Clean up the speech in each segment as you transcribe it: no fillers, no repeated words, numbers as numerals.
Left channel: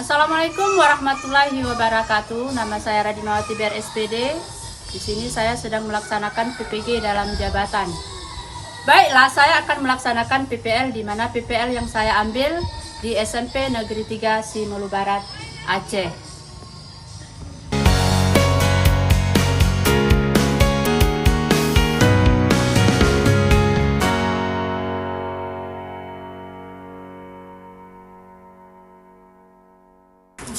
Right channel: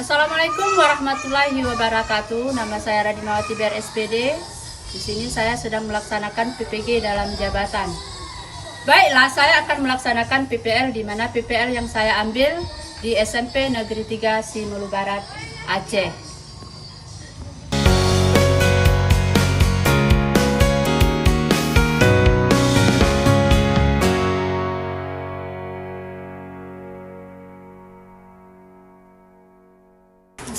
Assalamualaikum warahmatullahi wabarakatuh. Nama saya Radimawati BR SPD. Di sini saya sedang melaksanakan PPG dalam jabatan. Baiklah, saya akan melaksanakan PPL di mana PPL yang saya ambil di SMP Negeri 3 Simolu Barat, Aceh.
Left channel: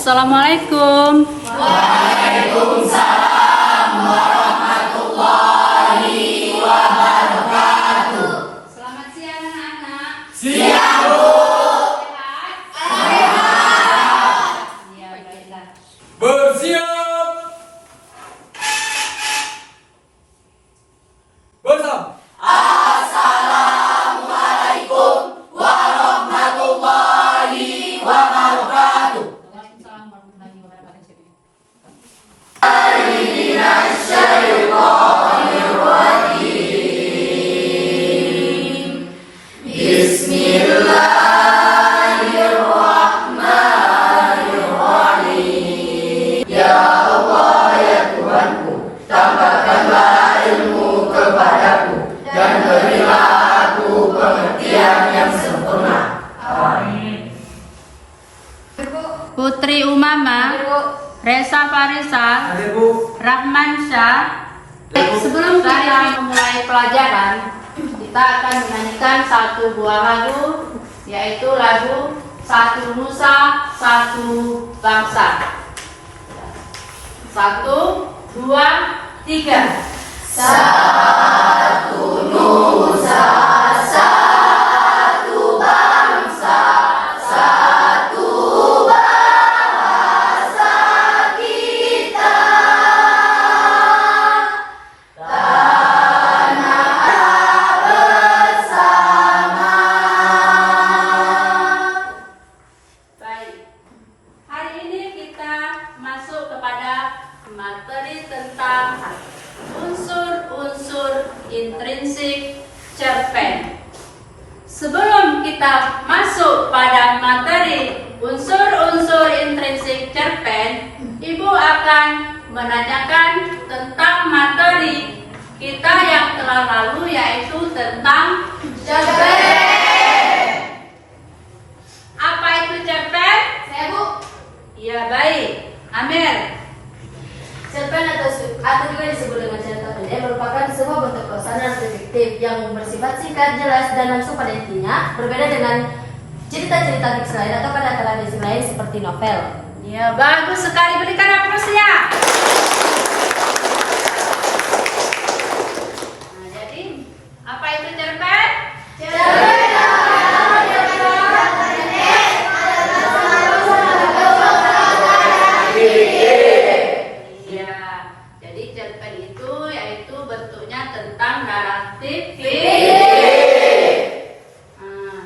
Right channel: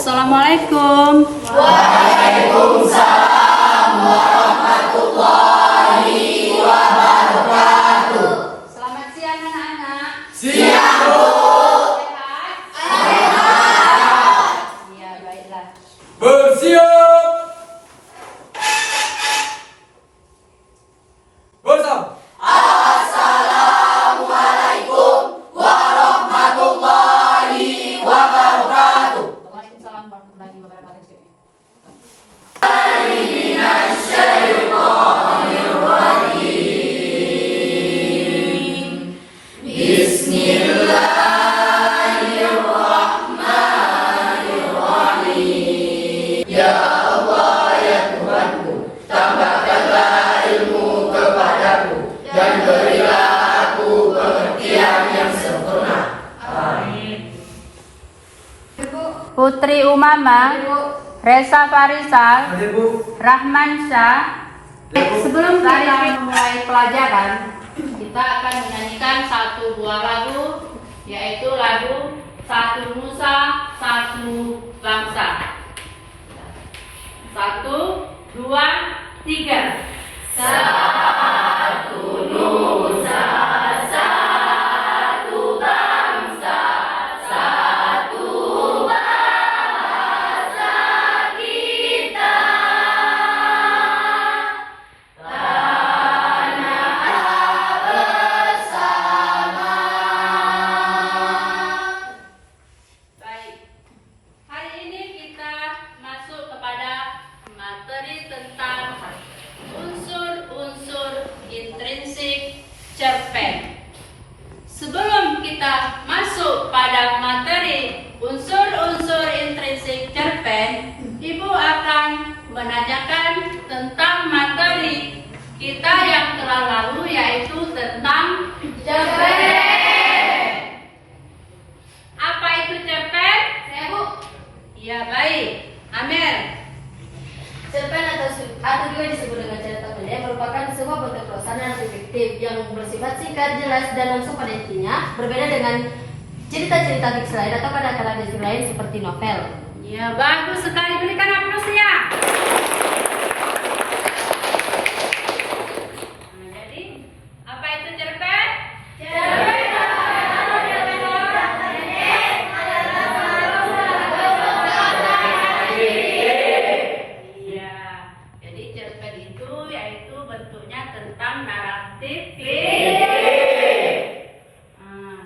Assalamualaikum. Waalaikumsalam warahmatullahi wabarakatuh. Selamat siang anak-anak. Siang, Bu. Sehat? Ya, baiklah. Bersiap. Bersam. Assalamualaikum warahmatullahi wabarakatuh. Waalaikumsalam warahmatullahi wabarakatuh. Bismillahirrahmanirrahim. Ya Allah, ya Tuhanku, tambahkanlah ilmu kepadaku dan berilah aku pengertian yang sempurna. Amin. Putri Umama, Reza Farisal, Hadir, Bu. Rahman Syah. Sebelum kita memulai pelajaran, kita akan menyanyikan satu buah lagu, yaitu lagu Satu Nusa, Satu Bangsa. 1, 2, 3. Satu nusa, satu bangsa, satu bahasa kita. Tanah bersama. Baik, hari ini kita masuk kepada materi tentang unsur-unsur intrinsik cerpen. Sebelum kita masuk pada materi unsur-unsur intrinsik cerpen, Ibu akan menanyakan tentang materi kita yang telah lalu, yaitu tentang cerpen. Apa itu cerpen? Saya, Bu. Ya, baik. Amel. Cerpen atau juga disebut dengan cerita pendek merupakan sebuah bentuk pesanan detektif yang bersifat singkat, jelas, dan langsung pada intinya, berbeda dengan cerita-cerita fiksi lain atau kata-kata fiksi lain seperti novel. Ya, bagus sekali. Berikan aplausnya. Nah, jadi apa itu cerpen? Iya, jadi cerpen itu yaitu bentuknya tentang naratif fiktif. Nah,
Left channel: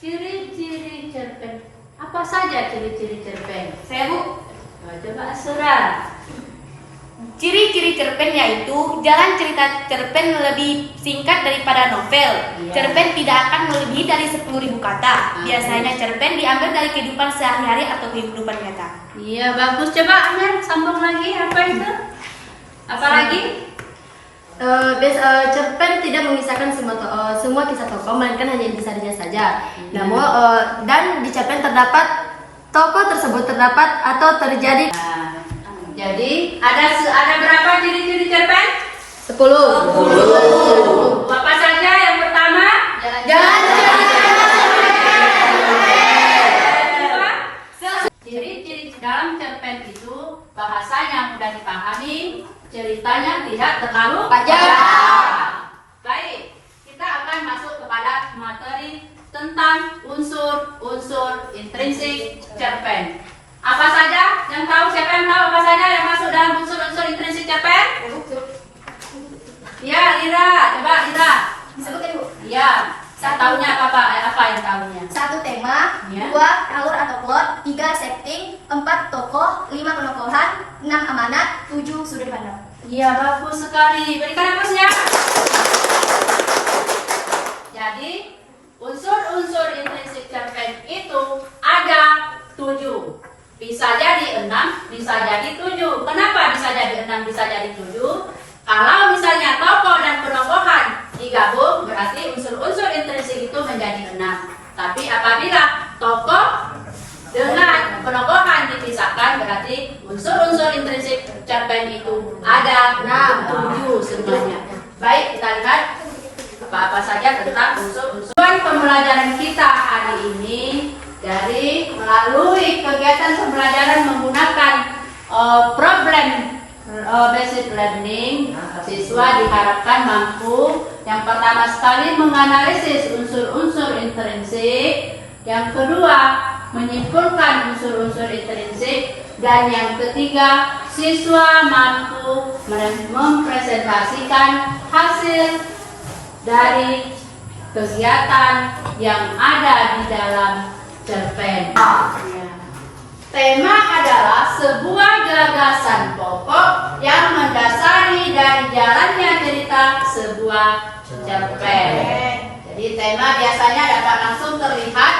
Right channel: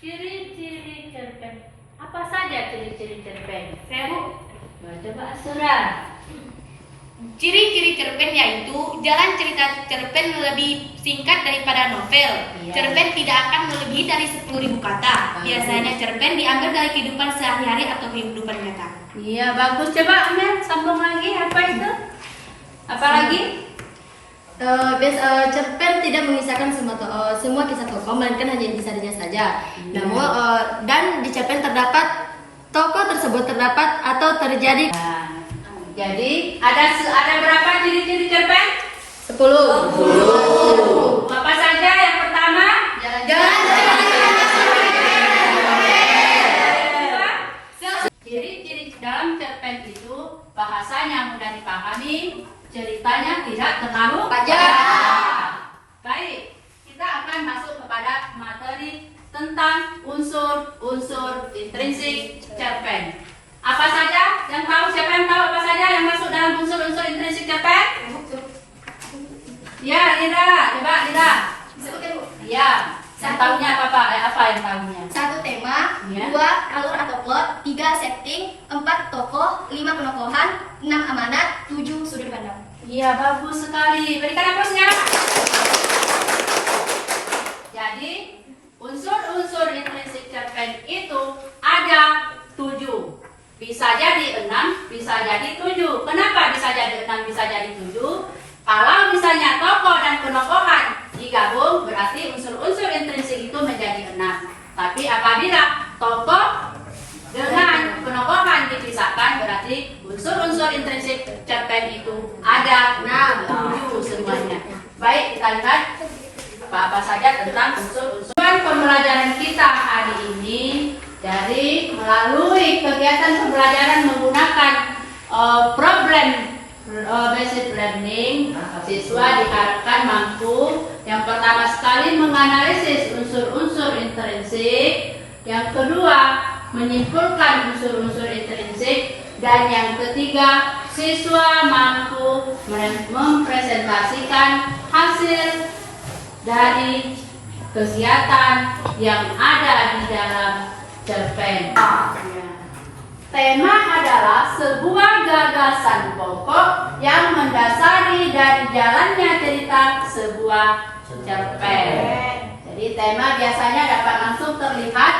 ciri-ciri cerpen. Apa saja ciri-ciri cerpen? Saya, Bu. Nah, coba Asura. Ciri-ciri cerpen yaitu jalan cerita cerpen lebih singkat daripada novel. Iya. Cerpen tidak akan melebihi dari 10.000 kata. Biasanya cerpen diambil dari kehidupan sehari-hari atau kehidupan nyata. Iya, bagus. Coba Amel sambung lagi. Apa itu? Apa lagi? Cerpen tidak mengisahkan semua kisah tokoh, melainkan hanya intisarinya saja. Namun dan di cerpen terdapat tokoh tersebut terdapat atau terjadi Nah, jadi ada berapa ciri-ciri cerpen? 10. Apa saja? Yang pertama, Jalan ciri-ciri dalam cerpen itu bahasanya mudah dipahami, ceritanya tidak terlalu panjang. Baik, kita akan masuk kepada materi tentang unsur-unsur intrinsik cerpen. Apa saja yang tahu? Siapa yang tahu apa saja yang masuk dalam unsur-unsur intrinsik cerpen? Ya, Lira, coba Lira. Sebutin, Bu. Ya, yang tahunya apa yang tahunya? 1 tema, Ya. 2 alur atau plot, 3 setting, 4 tokoh, 5 penokohan, 6 amanat, 7 sudut pandang. Iya, bagus sekali. Berikan aplausnya. Jadi, unsur-unsur intrinsik cerpen itu ada Bisa jadi 6, bisa jadi 7. Kenapa bisa jadi 6, bisa jadi 7? Kalau misalnya tokoh dan penokohan digabung, berarti unsur-unsur intrinsik itu menjadi 6. Tapi apabila tokoh dengan penokohan dipisahkan, berarti unsur-unsur intrinsik cerpen itu ada 7 semuanya. Baik, kita lihat apa-apa saja tentang unsur-unsur. Pembelajaran kita hari ini dari melalui kegiatan pembelajaran menggunakan problem based learning, siswa diharapkan mampu yang pertama sekali menganalisis unsur-unsur intrinsik, yang kedua menyimpulkan unsur-unsur intrinsik, dan yang ketiga siswa mampu mempresentasikan hasil dari kegiatan yang ada di dalam cerpen. Tema adalah sebuah gagasan pokok yang mendasari dari jalannya cerita sebuah cerpen. Jadi tema biasanya dapat langsung terlihat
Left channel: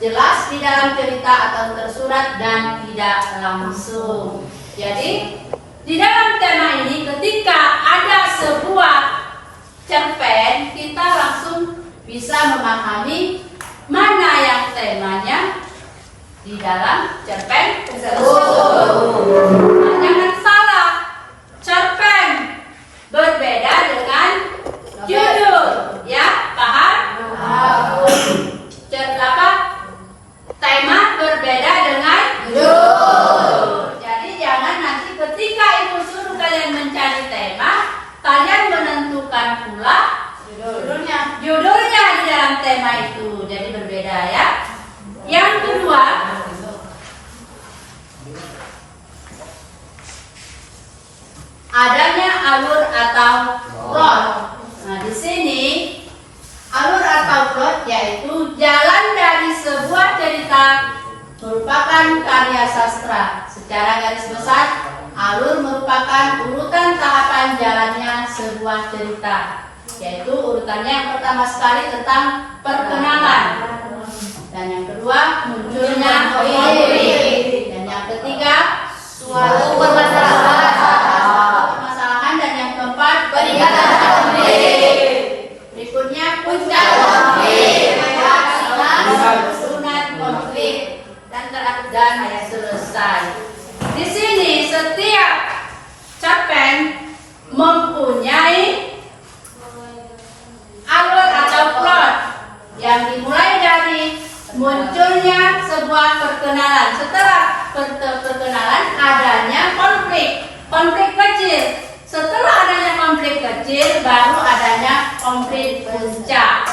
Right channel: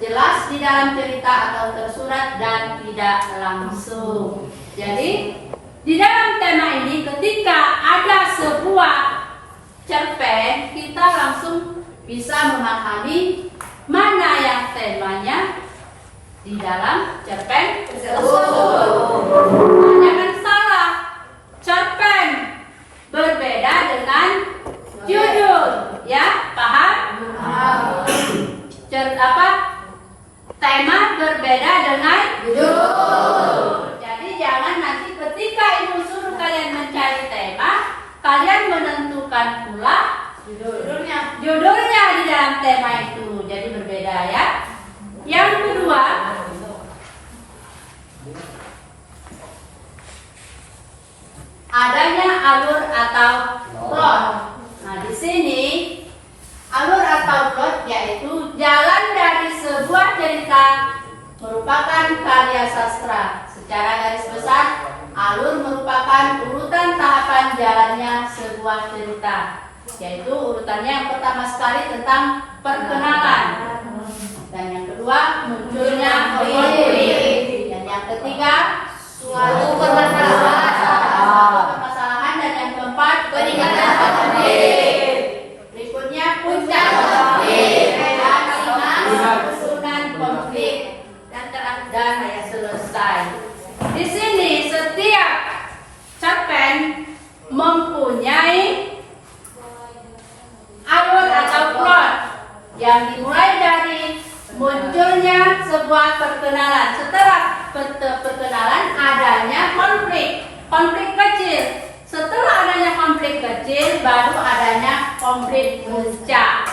jelas di dalam cerita atau tersurat dan tidak langsung. Jadi di dalam tema ini ketika ada sebuah cerpen, kita langsung bisa memahami mana yang temanya di dalam cerpen tersebut. Jangan salah, cerpen berbeda dengan judul, ya, paham? Tema berbeda dengan judul. Jadi jangan nanti ketika ibu suruh kalian mencari tema, kalian menentukan pula judulnya di dalam tema itu. Jadi berbeda, ya. Yang kedua, adanya alur atau plot. Nah, di sini alur atau plot yaitu jalan dari sebuah cerita merupakan karya sastra. Secara garis besar, alur merupakan urutan tahapan jalannya sebuah cerita. Yaitu urutannya yang pertama sekali tentang perkenalan, dan yang kedua munculnya konflik, dan yang ketiga suatu permasalahan, dan yang keempat peningkatan konflik. Berikutnya puncak konflik, susunan konflik, dan terakhir selesai. Di sini setiap cerpen mempunyai alur atau plot yang dimulai dari munculnya sebuah perkenalan. Setelah perkenalan adanya konflik kecil. Setelah adanya konflik kecil baru adanya konflik puncak.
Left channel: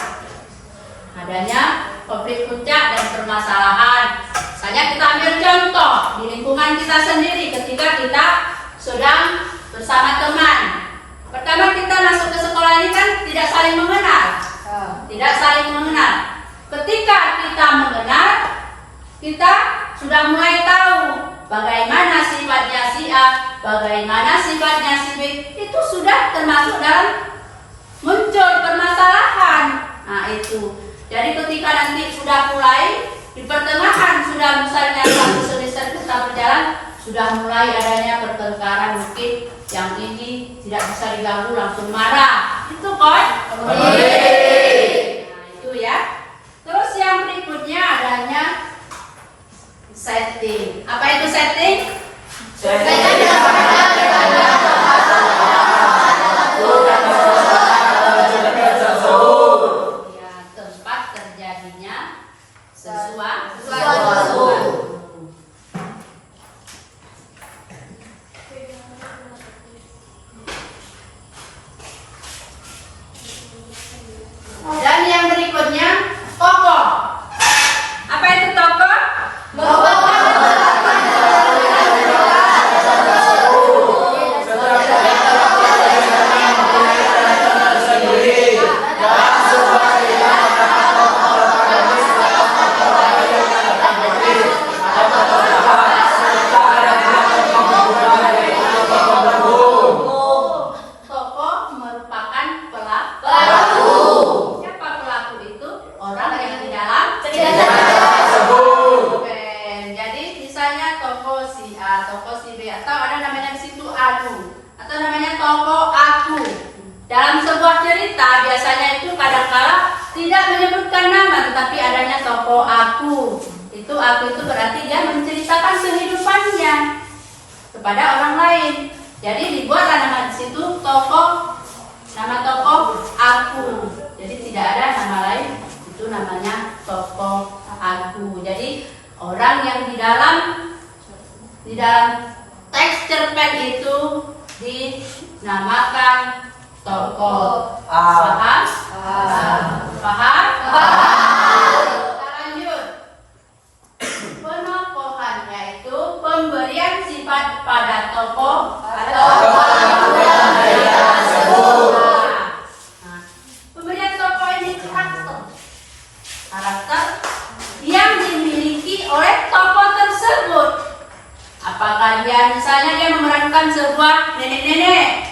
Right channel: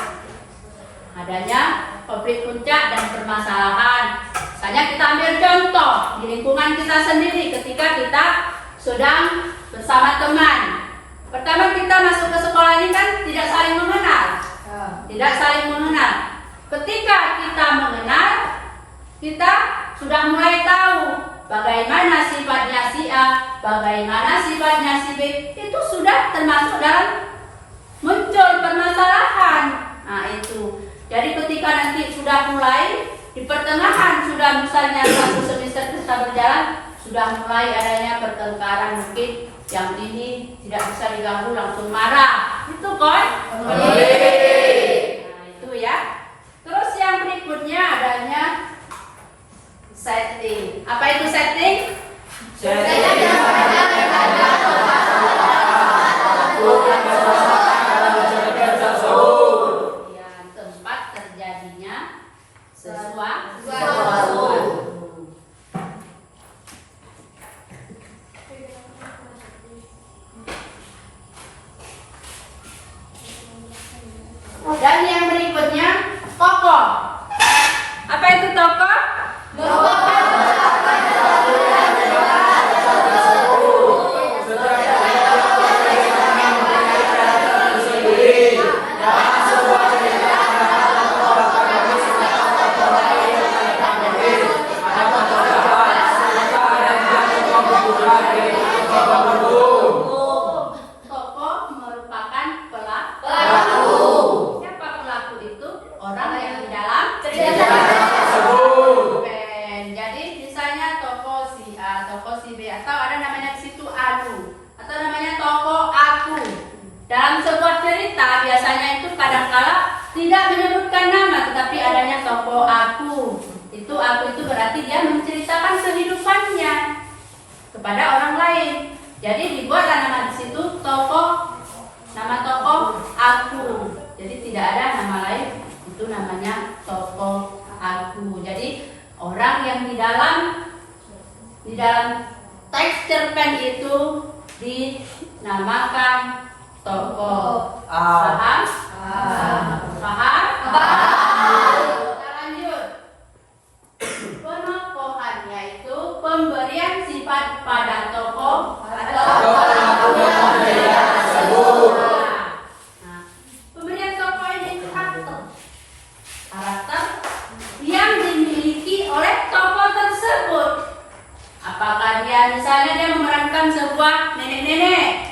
Adanya konflik puncak dan permasalahan. Misalnya kita ambil contoh di lingkungan kita sendiri ketika kita sedang bersama teman. Pertama kita masuk ke sekolah ini kan tidak saling mengenal. Ketika kita mengenal, kita sudah mulai tahu bagaimana sifatnya si A, bagaimana sifatnya si B. Itu sudah termasuk dalam muncul permasalahan. Nah itu. Jadi ketika nanti sudah mulai di pertengahan, sudah misalnya satu semester kita berjalan, sudah mulai adanya pertengkaran, mungkin yang ini tidak bisa diganggu langsung marah. Itu kan? Nah itu ya. Terus yang berikutnya adanya setting. Apa itu setting? Ya, tempat terjadinya sesuatu. Dan yang berikutnya tokoh. Apa itu tokoh? aku atau namanya tokoh aku. Dalam sebuah cerita biasanya itu kadang-kala tidak menyebutkan nama tetapi adanya tokoh aku. Itu aku itu berarti dia menceritakan kehidupannya kepada orang lain. Jadi dibuatlah nama di situ nama tokoh aku. Jadi tidak ada nama lain, itu namanya tokoh aku. Jadi orang yang di dalam teks cerpen itu dinamakan tokoh. Paham? Paham? Kita lanjut. Penokohannya itu pemberian sifat pada tokoh atau pemberian tokoh ini karakter yang dimiliki oleh tokoh tersebut. Apakah dia misalnya dia memerankan sebuah nenek-nenek,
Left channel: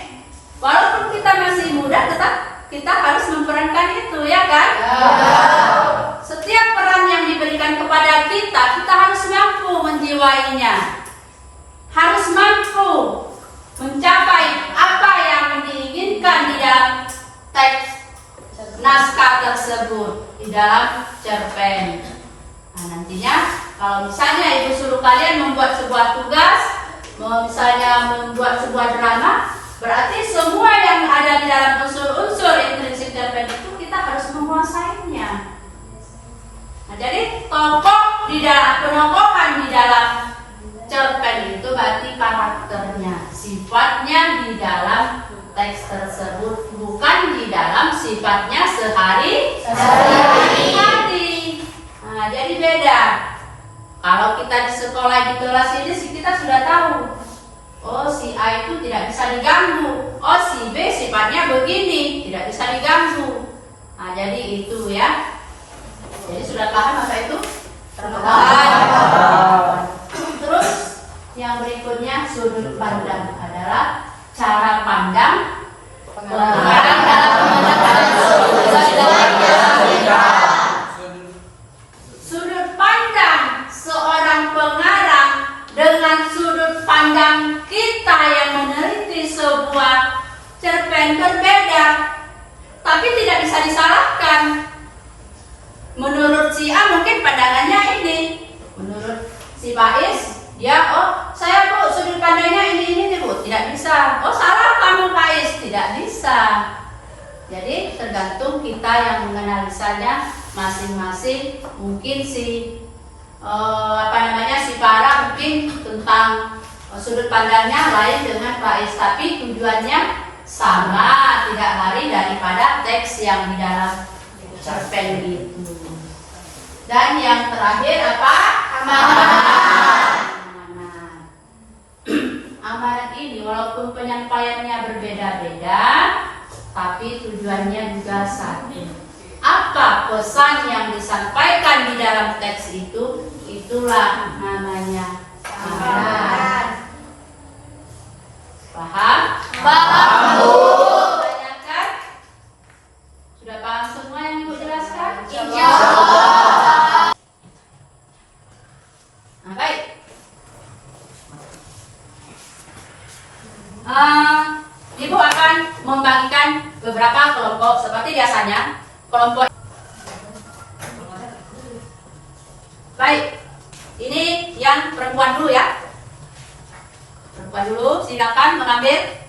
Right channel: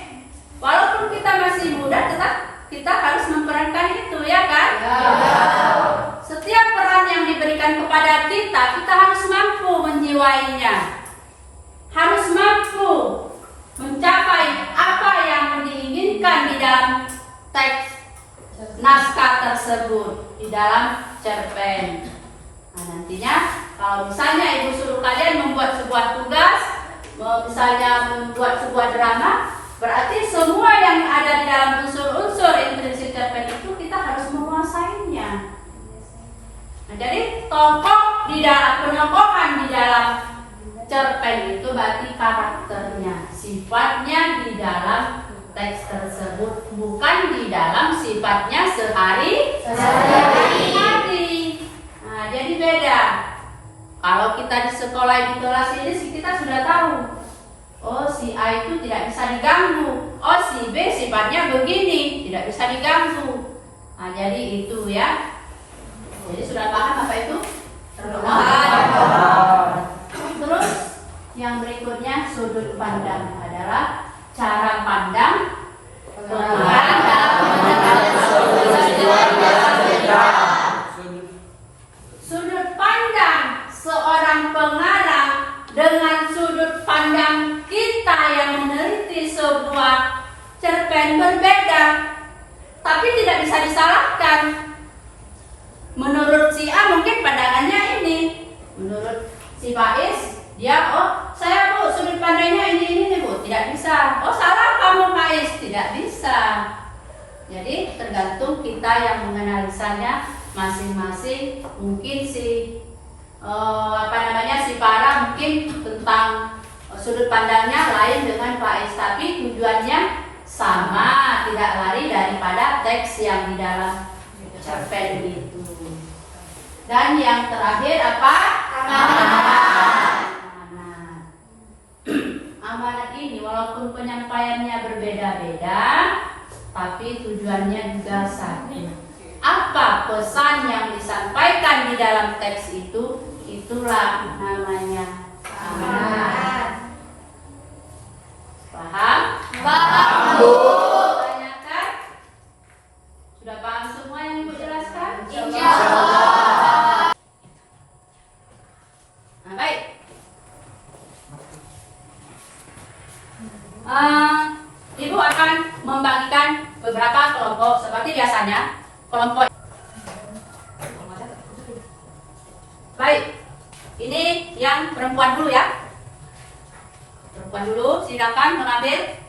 walaupun kita masih muda tetap kita harus memerankan itu, ya kan? Setiap peran yang diberikan kepada kita harus mampu menjiwainya, harus mampu mencapai apa yang diinginkan di dalam teks naskah tersebut, di dalam cerpen. Nah, nantinya kalau misalnya ibu suruh kalian membuat sebuah tugas, misalnya membuat sebuah drama, berarti semua yang ada di dalam unsur-unsur intrinsik cerpen itu kita harus menguasainya. Nah, jadi tokoh di dalam penokohan di dalam cerpen itu berarti karakternya, sifatnya di dalam teks tersebut, bukan di dalam sifatnya sehari-hari. Nah, jadi beda. Kalau kita di sekolah di kelas ini kita sudah tahu. Oh, si A itu tidak bisa diganggu. Oh, si B sifatnya begini, tidak bisa diganggu. Nah, jadi itu ya. Jadi sudah paham apa itu? Terus yang berikutnya sudut pandang adalah cara pandang pengarang dalam sudut pandang seorang pengarang dengan sudut pandang kita yang meneliti sebuah cerpen berbeda, tapi tidak bisa disalahkan. Menurut si A mungkin pandangannya ini, menurut si Faiz dia saya Bu sudut pandangnya ini nih Bu, tidak bisa. Oh salah kamu Faiz, tidak bisa. Jadi tergantung kita yang menganalisanya masing-masing. Mungkin si si Farah mungkin tentang sudut pandangnya lain dengan Faiz, tapi tujuannya sama, tidak lari daripada teks yang di dalam cerpen itu. Dan yang terakhir apa? Amanat. Amanat ini walaupun penyampaiannya berbeda-beda, tapi tujuannya juga satu. Apa pesan yang disampaikan di dalam teks itu? Itulah namanya amanat. Paham? Paham, Bu. Tanyakan? Sudah paham semua yang Ibu jelaskan? Insya Allah. Nah, baik. Ibu akan membagikan beberapa kelompok seperti biasanya. Kelompok. Baik. Ini yang perempuan dulu ya. Perempuan dulu, silakan mengambil.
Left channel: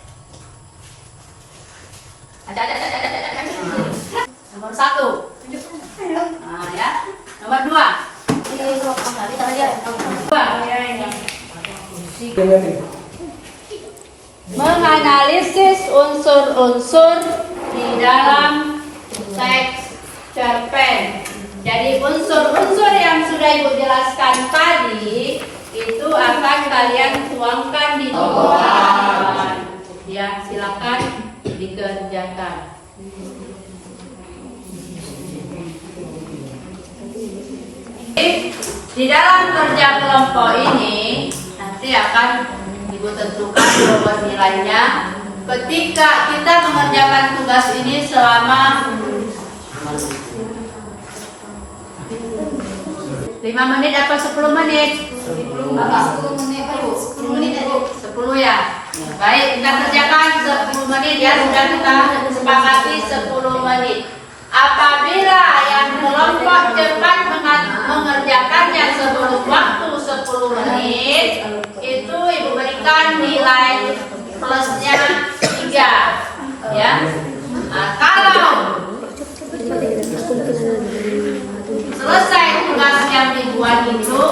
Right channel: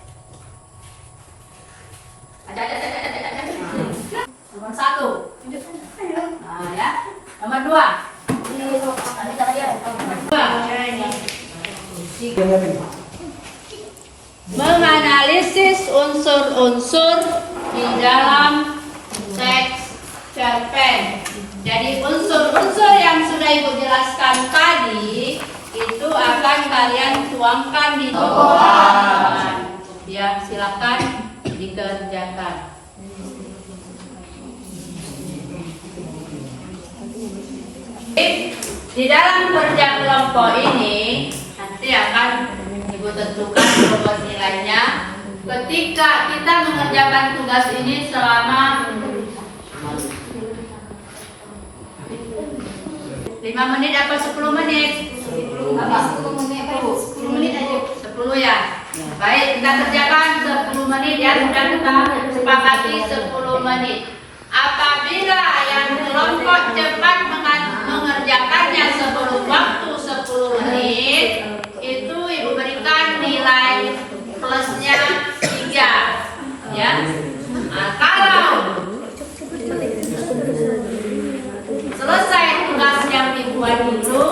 Nomor 1. Nah, ya. Nomor 2. Menganalisis unsur-unsur di dalam teks cerpen. Jadi unsur-unsur yang sudah Ibu jelaskan tadi itu akan kalian tuangkan di tulisan. Ya, silakan dikerjakan. Di dalam kerja kelompok ini nanti akan Ibu tentukan bobot nilainya ketika kita mengerjakan tugas ini selama 5 menit atau 10 menit? 10 menit aja. 10 ya. Baik, kita kerjakan 10 menit ya, sudah kita sepakati 10 menit. Apabila yang kelompok cepat mengerjakannya sebelum waktu 10 menit, itu Ibu berikan nilai plusnya 3 ya. Nah, kalau selesai tugas yang dibuat itu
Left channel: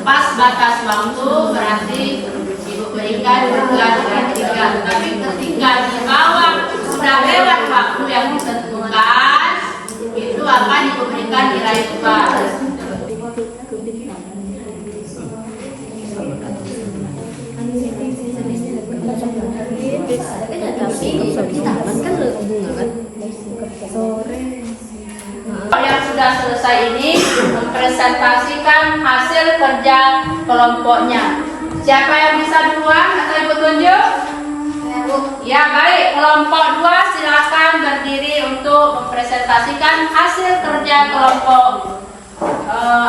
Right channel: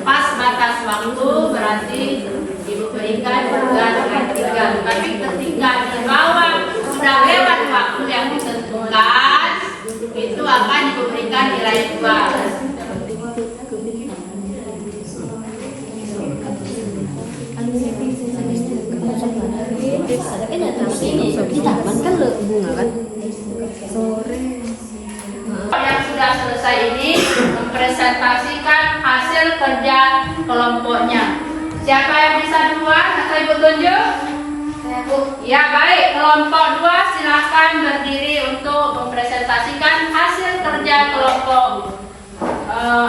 pas batas waktu, berarti Ibu berikan tugas nilai 3. Tapi ketika di bawah sudah lewat waktu yang ditentukan, itu akan Ibu berikan nilai 2. Yang sudah selesai ini mempresentasikan hasil kerja kelompoknya. Siapa yang bisa duluan atau Ibu tunjuk? Ya baik, kelompok 2 silakan berdiri untuk mempresentasikan hasil kerja kelompok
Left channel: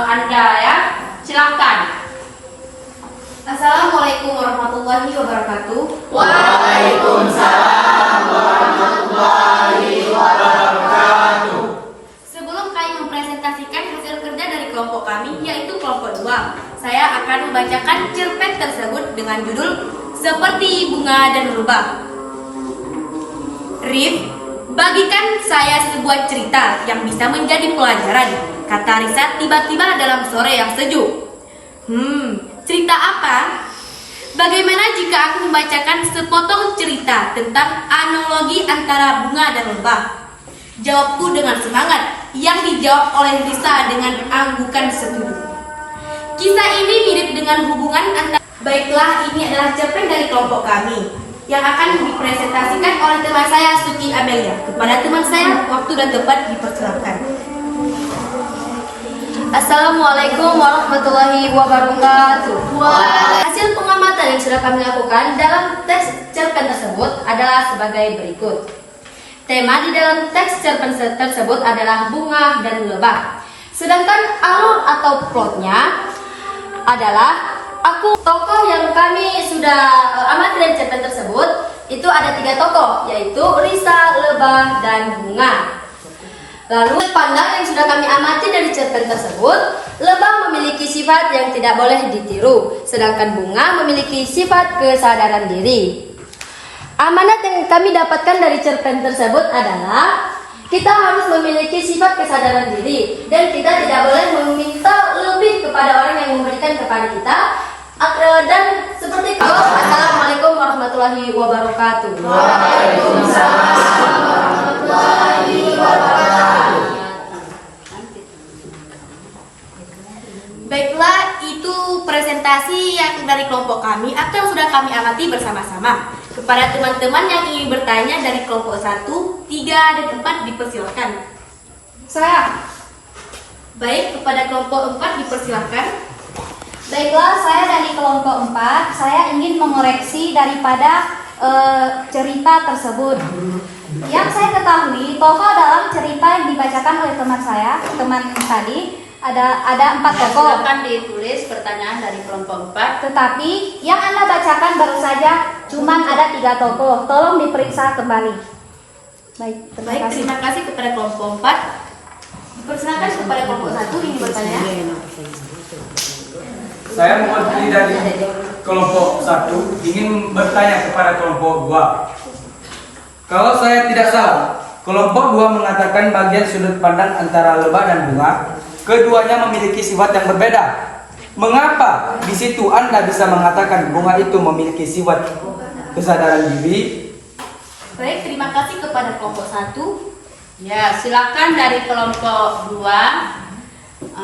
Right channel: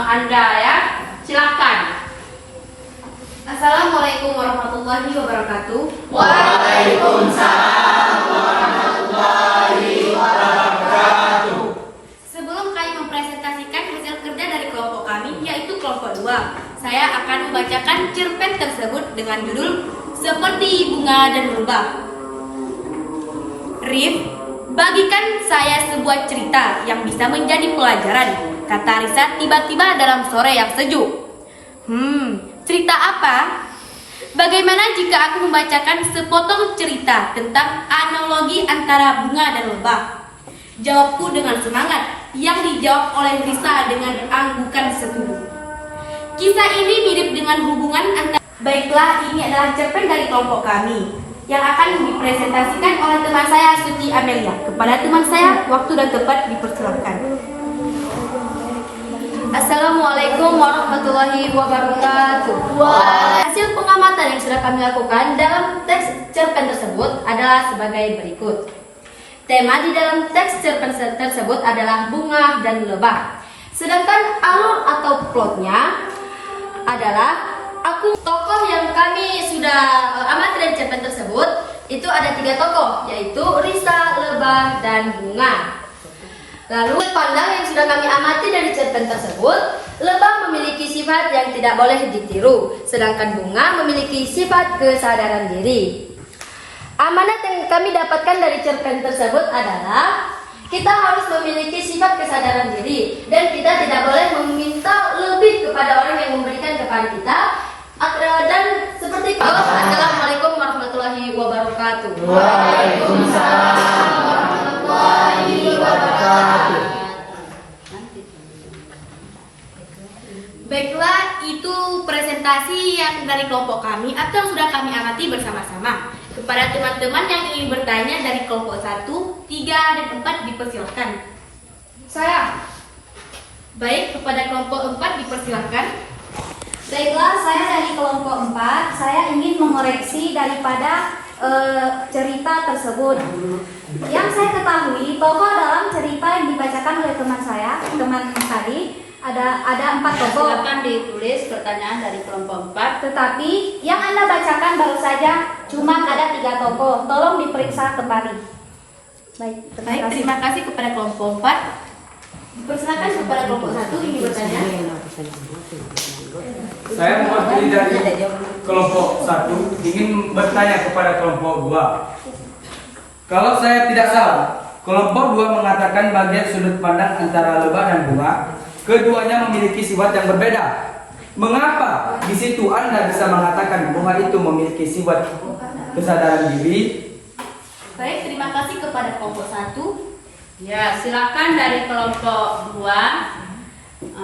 Anda ya. Silakan. Assalamualaikum warahmatullahi wabarakatuh. Waalaikumsalam warahmatullahi wabarakatuh. Sebelum kami mempresentasikan hasil kerja dari kelompok kami, yaitu kelompok 2, saya akan membacakan cerpen tersebut dengan judul Seperti Bunga dan Lebah. Rif, bagikan saya sebuah cerita yang bisa menjadi pelajaran, kata Risa tiba-tiba dalam sore yang sejuk. Cerita apa? Bagaimana jika aku membacakan sepotong cerita tentang analogi antara bunga dan lebah? Jawabku dengan semangat, yang dijawab oleh Risa dengan anggukan setuju. Kisah ini mirip dengan hubungan antara... Baiklah, ini adalah cerpen dari kelompok kami yang akan dipresentasikan oleh teman saya, Suci Amelia. Kepada teman saya, waktu dan tempat dipersilakan. Assalamualaikum warahmatullahi wabarakatuh. Hasil pengamatan yang sudah kami lakukan dalam teks cerpen tersebut adalah sebagai berikut. Tema di dalam teks cerpen tersebut adalah bunga dan lebah. Sedangkan alur atau plotnya adalah tokoh yang kami sudah amati dari cerpen tersebut itu ada 3 tokoh, yaitu Risa, lebah, dan bunga. Lalu pandang yang sudah kami amati dari cerpen tersebut, lebah memiliki sifat yang tidak boleh ditiru, sedangkan bunga memiliki sifat kesadaran diri. Amanat yang kami dapatkan dari cerpen tersebut adalah kita harus memiliki sifat kesadaran diri dan kita tidak boleh meminta lebih kepada orang yang memberikan kepada kita. Dan seperti itu, Assalamualaikum warahmatullahi wabarakatuh. Waalaikumsalam warahmatullahi wabarakatuh. Baiklah, itu presentasi yang dari kelompok kami atau yang sudah kami amati bersama-sama. Kepada teman-teman yang ingin bertanya dari kelompok 1, 3, dan 4 dipersilakan. Saya. Baik, kepada kelompok 4 dipersilakan. Baiklah, saya dari kelompok 4, saya ingin mengoreksi daripada cerita tersebut. Yang saya ketahui, tokoh dalam cerita yang dibacakan oleh teman saya, teman tadi, ada 4 tokoh. Silakan ditulis pertanyaan dari kelompok 4. Tetapi yang Anda bacakan baru saja cuma ada 3 tokoh. Tolong diperiksa kembali. Baik, terima kasih kepada kelompok 4. Dipersilakan kepada kelompok 1 ingin bertanya. Saya mewakili dari kelompok 1 ingin bertanya kepada kelompok 2. Kalau saya tidak salah, kelompok 2 mengatakan bagian sudut pandang antara lebah dan bunga, keduanya memiliki sifat yang berbeda. Mengapa di situ Anda bisa mengatakan bunga itu memiliki sifat kesadaran diri? Baik, terima kasih kepada kelompok 1. Ya, silakan dari kelompok 2.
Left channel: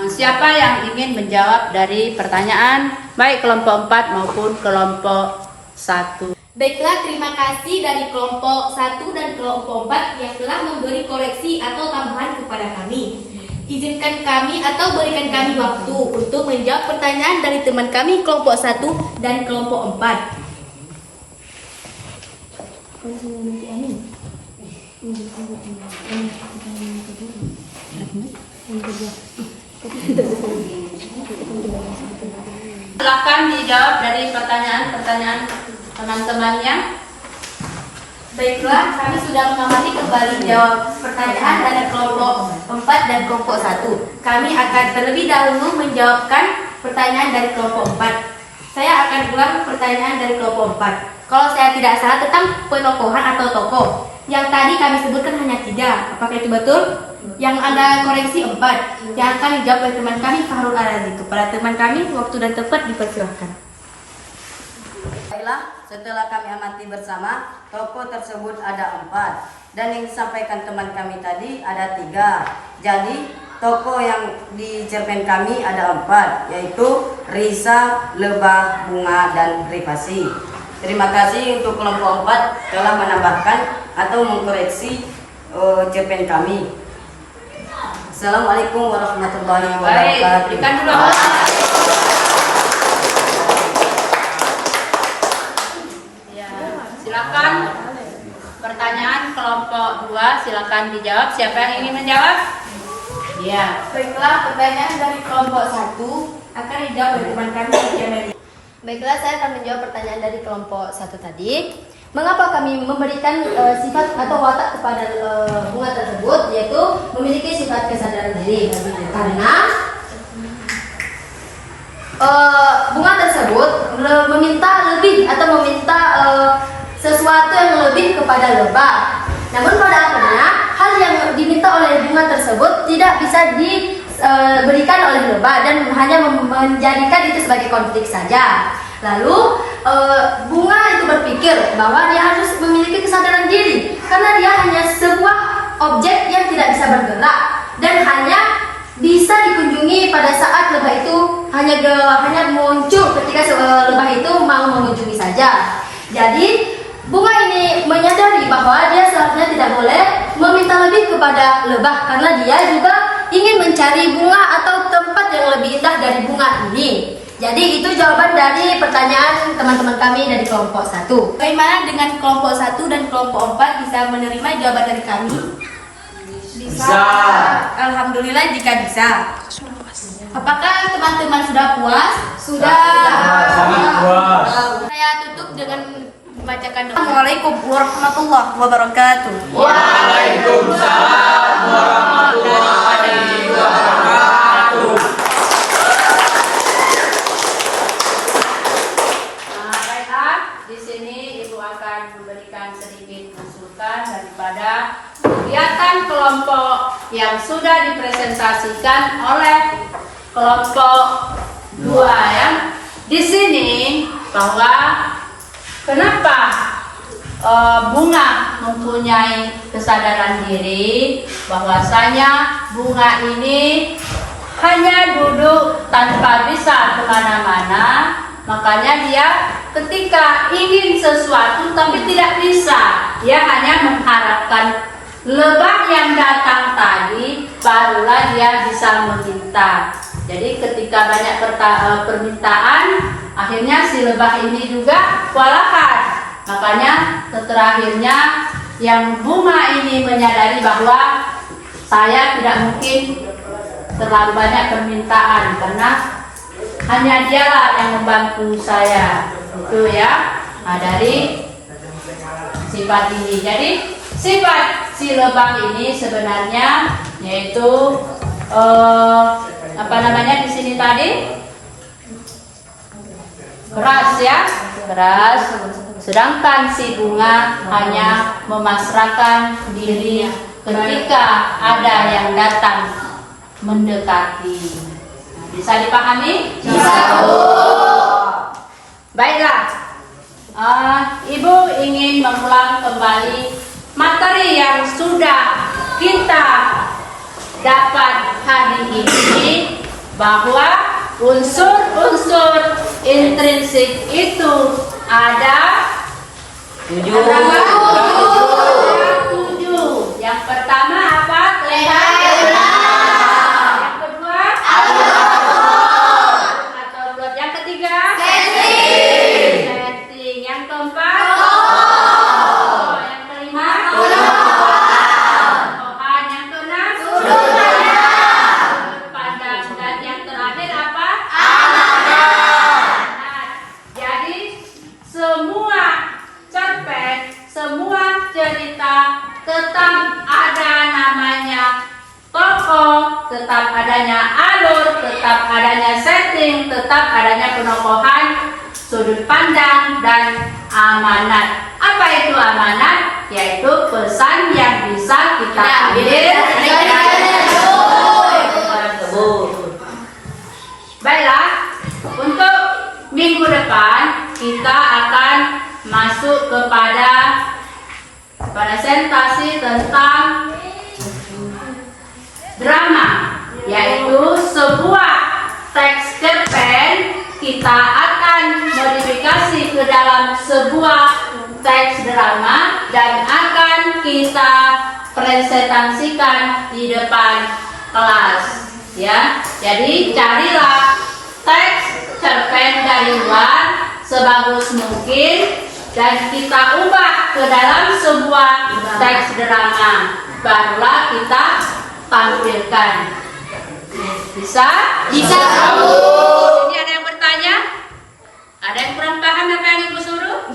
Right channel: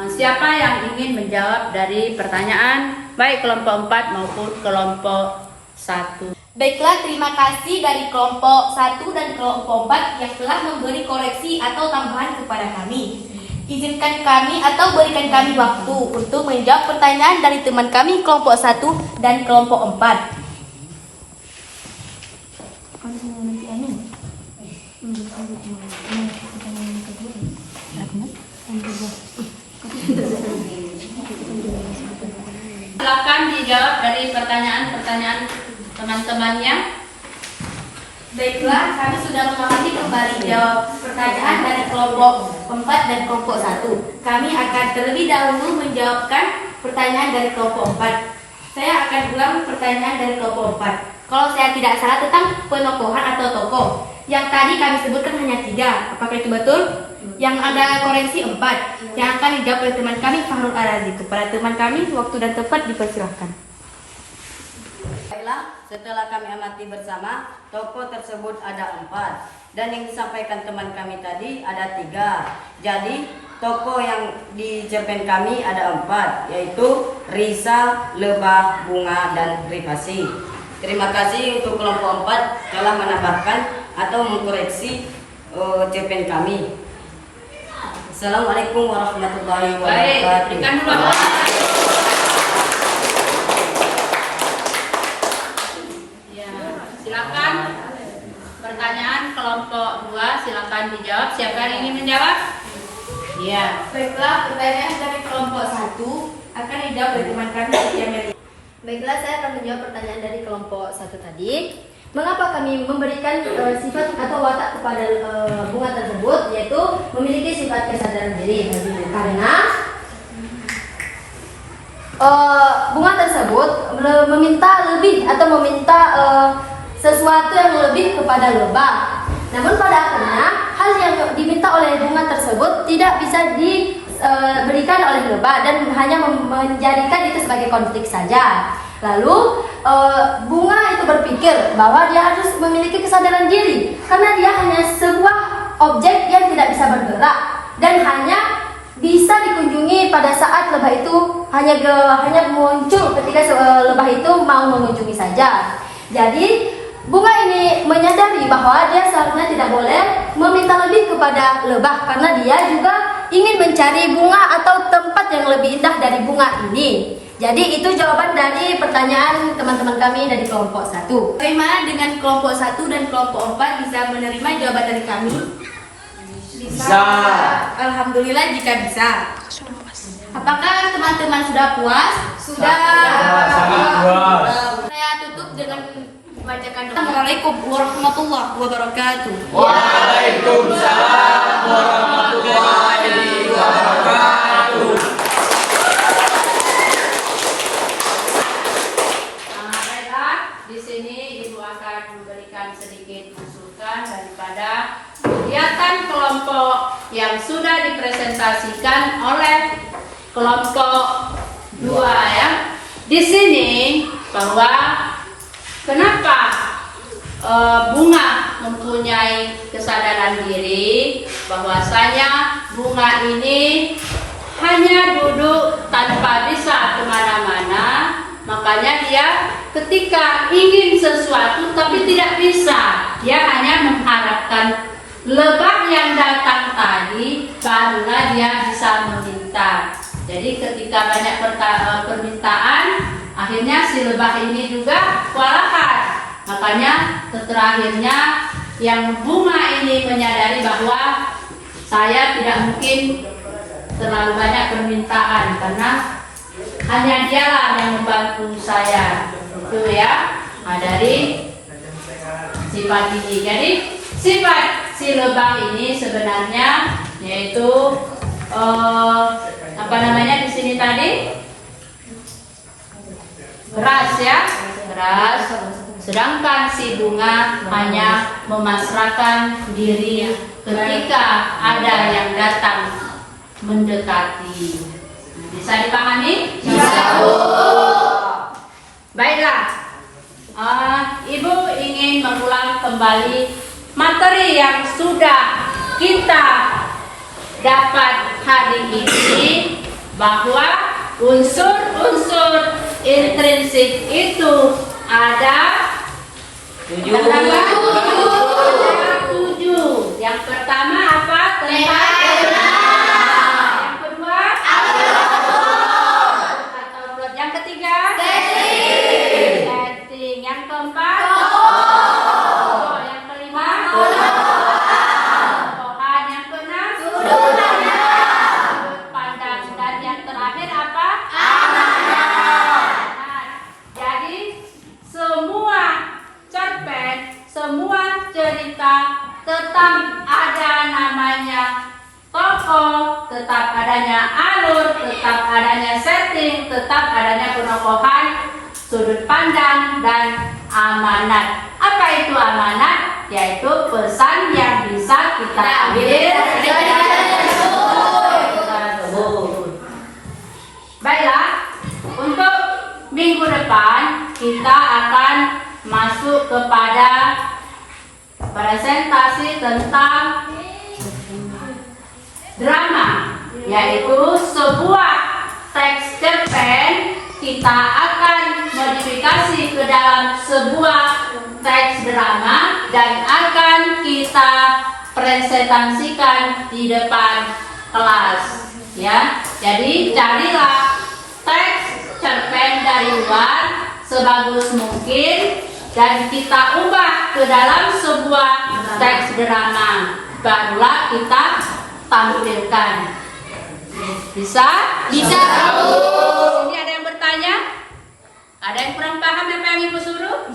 Siapa yang ingin menjawab dari pertanyaan baik kelompok 4 maupun kelompok 1? Baiklah, terima kasih dari kelompok 1 dan kelompok 4 yang telah memberi koreksi atau tambahan kepada kami. Izinkan kami atau berikan kami waktu untuk menjawab pertanyaan dari teman kami kelompok 1 dan kelompok 4. silakan dijawab dari pertanyaan-pertanyaan teman-temannya. Baiklah, kami sudah mengamati kembali jawab pertanyaan dari kelompok 4 dan kelompok 1. Kami akan terlebih dahulu menjawabkan pertanyaan dari kelompok 4. Saya akan ulang pertanyaan dari kelompok 4. Kalau saya tidak salah tentang penokohan atau tokoh. Yang tadi kami sebutkan hanya 3. Apakah itu betul? Yang Anda koreksi 4. Yang akan dijawab oleh teman kami Fahrul Arazi. Kepada teman kami, waktu dan tempat dipersilahkan. Baiklah, setelah kami amati bersama, tokoh tersebut ada 4 dan yang disampaikan teman kami tadi ada 3. Jadi tokoh yang di cerpen kami ada 4, yaitu Risa, Lebah, Bunga, dan Rifasi. Terima kasih untuk kelompok 4 telah menambahkan atau mengkoreksi cerpen kami. Assalamualaikum warahmatullahi wabarakatuh. Berikan dulu. Ya, silakan. Pertanyaan kelompok 2 silakan dijawab. Siapa yang ingin menjawab? Ya. Baiklah, pertanyaan dari kelompok 1 akan dijawab oleh teman kami Amelia. Baiklah, saya akan menjawab pertanyaan dari kelompok 1 tadi. Mengapa kami memberikan sifat atau watak kepada bunga tersebut, yaitu memiliki sifat kesadaran diri? Karena bunga tersebut meminta lebih atau meminta sesuatu yang lebih kepada lebah. Namun pada akhirnya hal yang diminta oleh bunga tersebut tidak bisa diberikan oleh lebah dan hanya menjadikan itu sebagai konflik saja. Lalu bunga itu berpikir bahwa dia harus memiliki kesadaran diri karena dia hanya sebuah objek yang tidak bisa bergerak dan hanya bisa dikunjungi pada saat lebah itu hanya muncul ketika lebah itu mau mengunjungi saja. Jadi bunga ini menyadari bahwa dia seharusnya tidak boleh meminta lebih kepada lebah karena dia juga ingin mencari bunga atau tempat yang lebih indah dari bunga ini. Jadi itu jawaban dari pertanyaan teman-teman kami dari kelompok 1. Bagaimana dengan kelompok 1 dan kelompok 4 bisa menerima jawaban dari kami? Bisa. Alhamdulillah jika bisa. Apakah teman-teman sudah puas? Sudah. Sangat puas. Saya tutup dengan membacakan doa. Assalamualaikum warahmatullahi wabarakatuh. Waalaikumsalam warahmatullahi wabarakatuh. Di sini Ibu akan memberikan sedikit masukan daripada kegiatan kelompok yang sudah dipresentasikan oleh kelompok 2 ya. Di sini bahwa kenapa bunga mempunyai kesadaran diri, bahwasanya bunga ini hanya duduk tanpa bisa kemana-mana. Makanya dia ketika ingin sesuatu tapi tidak bisa, dia hanya mengharapkan lebah yang datang tadi barulah dia bisa meminta. Jadi ketika banyak permintaan, akhirnya si lebah ini juga kewalahan. Makanya terakhirnya yang bunga ini menyadari bahwa saya tidak mungkin terlalu banyak permintaan karena hanya dialah yang membantu saya, itu ya. Nah, dari sifat ini, jadi sifat si lebah ini sebenarnya yaitu apa namanya di sini tadi, keras ya, keras. Sedangkan si bunga hanya memasrahkan diri ketika ada yang datang mendekati. Bisa dipahami? Bisa. Baiklah, Ibu ingin mengulang kembali materi yang sudah kita dapat hari ini, bahwa unsur-unsur intrinsik itu ada 7. Yang pertama apa? adanya setting, tetap adanya penokohan sudut pandang dan amanat. Apa itu amanat? Yaitu pesan yang bisa kita ambil dari Baiklah, untuk minggu depan kita akan masuk kepada presentasi tentang drama, yaitu sebuah teks cerpen kita akan modifikasi ke dalam sebuah teks drama dan akan kita presentasikan di depan kelas. Ya, jadi carilah teks cerpen dari luar sebagus mungkin dan kita ubah ke dalam sebuah teks drama. Barulah kita tampilkan. Bisa? Bisa, Bu. Ini ada yang bertanya? Ada yang kurang paham apa yang Ibu suruh?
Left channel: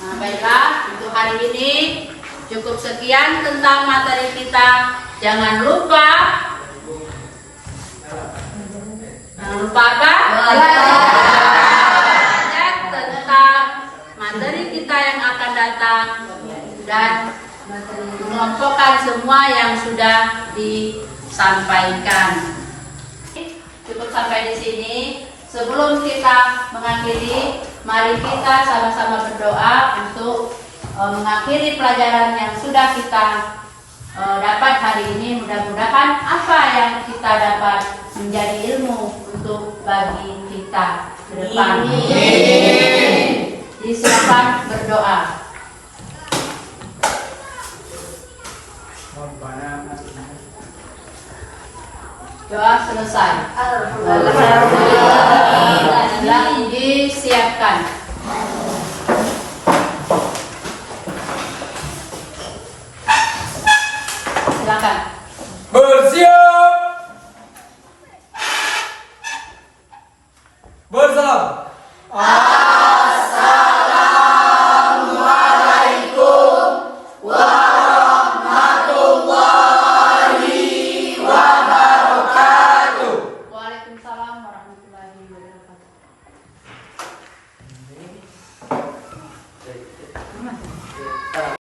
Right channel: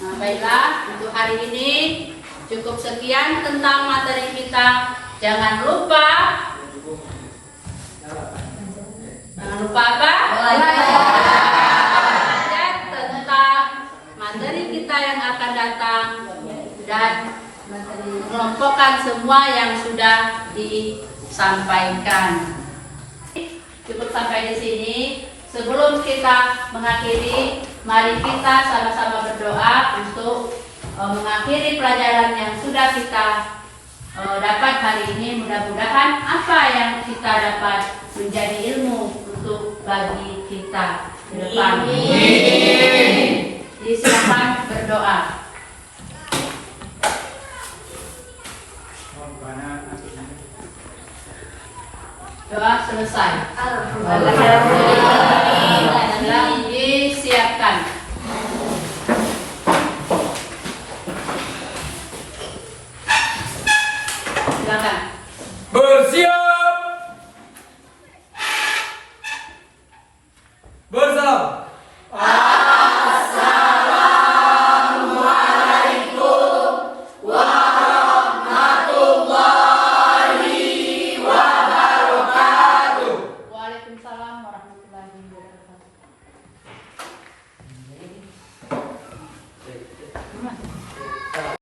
Nah, baiklah, untuk hari ini cukup sekian tentang materi kita. Jangan lupa apa? Belajar tentang materi kita yang akan datang dan mengelompokkan semua yang sudah disampaikan. Cukup sampai di sini. Sebelum kita mengakhiri, mari kita sama-sama berdoa untuk mengakhiri pelajaran yang sudah kita dapat hari ini. Mudah-mudahan apa yang kita dapat menjadi ilmu untuk bagi kita ke depan. Silakan berdoa. Doa selesai. Alhamdulillah. Disiapkan. Silakan. Bersiap. Bersalam.